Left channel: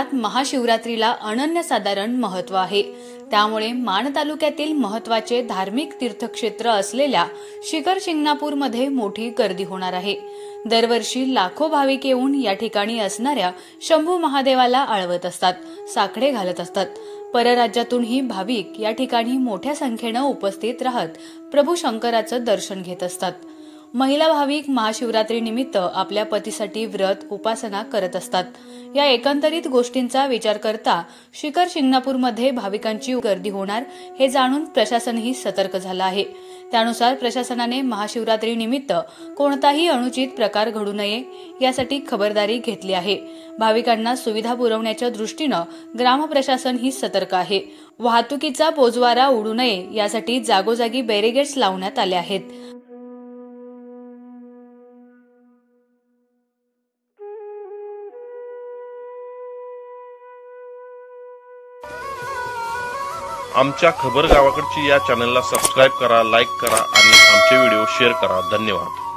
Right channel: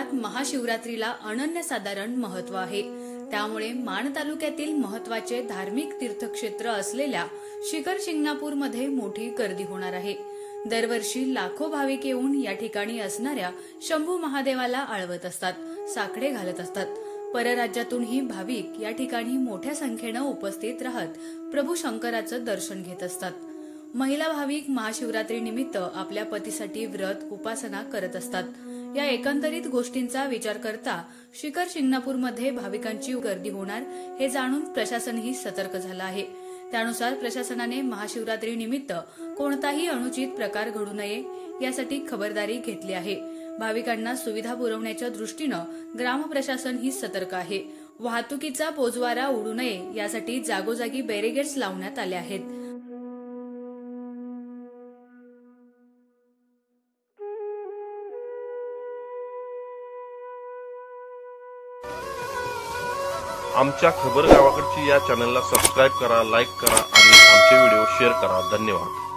महाराष्ट्रात महाशिवरात्रीला अनन्यसाधारण महत्त्व आहे। त्यामुळे माण तालुक्यातील महत्त्वाचे धार्मिक तीर्थक्षेत्र असलेल्या शिखर शिंगणापूरमध्ये मोठी गर्दी होणार आहे। दरवर्षी लाखो भाविक येऊन या ठिकाणी असणाऱ्या शंभू महादेवाला आळवत असतात, साकडे घालत असतात। परराज्यातूनही भाविक या ठिकाणी मोठ्या संख्येने उपस्थित राहत प्रभू शंकराचं दर्शन घेत असतात। महिला भाविक महाशिवरात्री निमित्त आपल्या पतीसाठी व्रत उपासना करत असतात। या एकंदरीत गोष्टींचा विचार करता शिखर शिंगणापूरमध्ये भाविकांची गर्दी होणार हे जाणून प्रशासनही सतर्क झालं आहे। त्यानुसार प्रशासनाने महाशिवरात्री निमित्त कोणताही अनुचित प्रकार घडू नये यासाठी खबरदारी घेतली आहे। भाविकांना सुविधा पुरवण्याच्या दृष्टीने ग्राम प्रशासन ही सतर्क आहे। वाहतुकीचा बोजवारा उडू नये यासाठी जागोजागी बॅरिगेड्स लावण्यात आले आहेत। आमच्या खबर गावाकडची या चॅनलला सबस्क्राइब करा, लाईक करा आणि आमचे व्हिडिओ शेअर करा। धन्यवाद।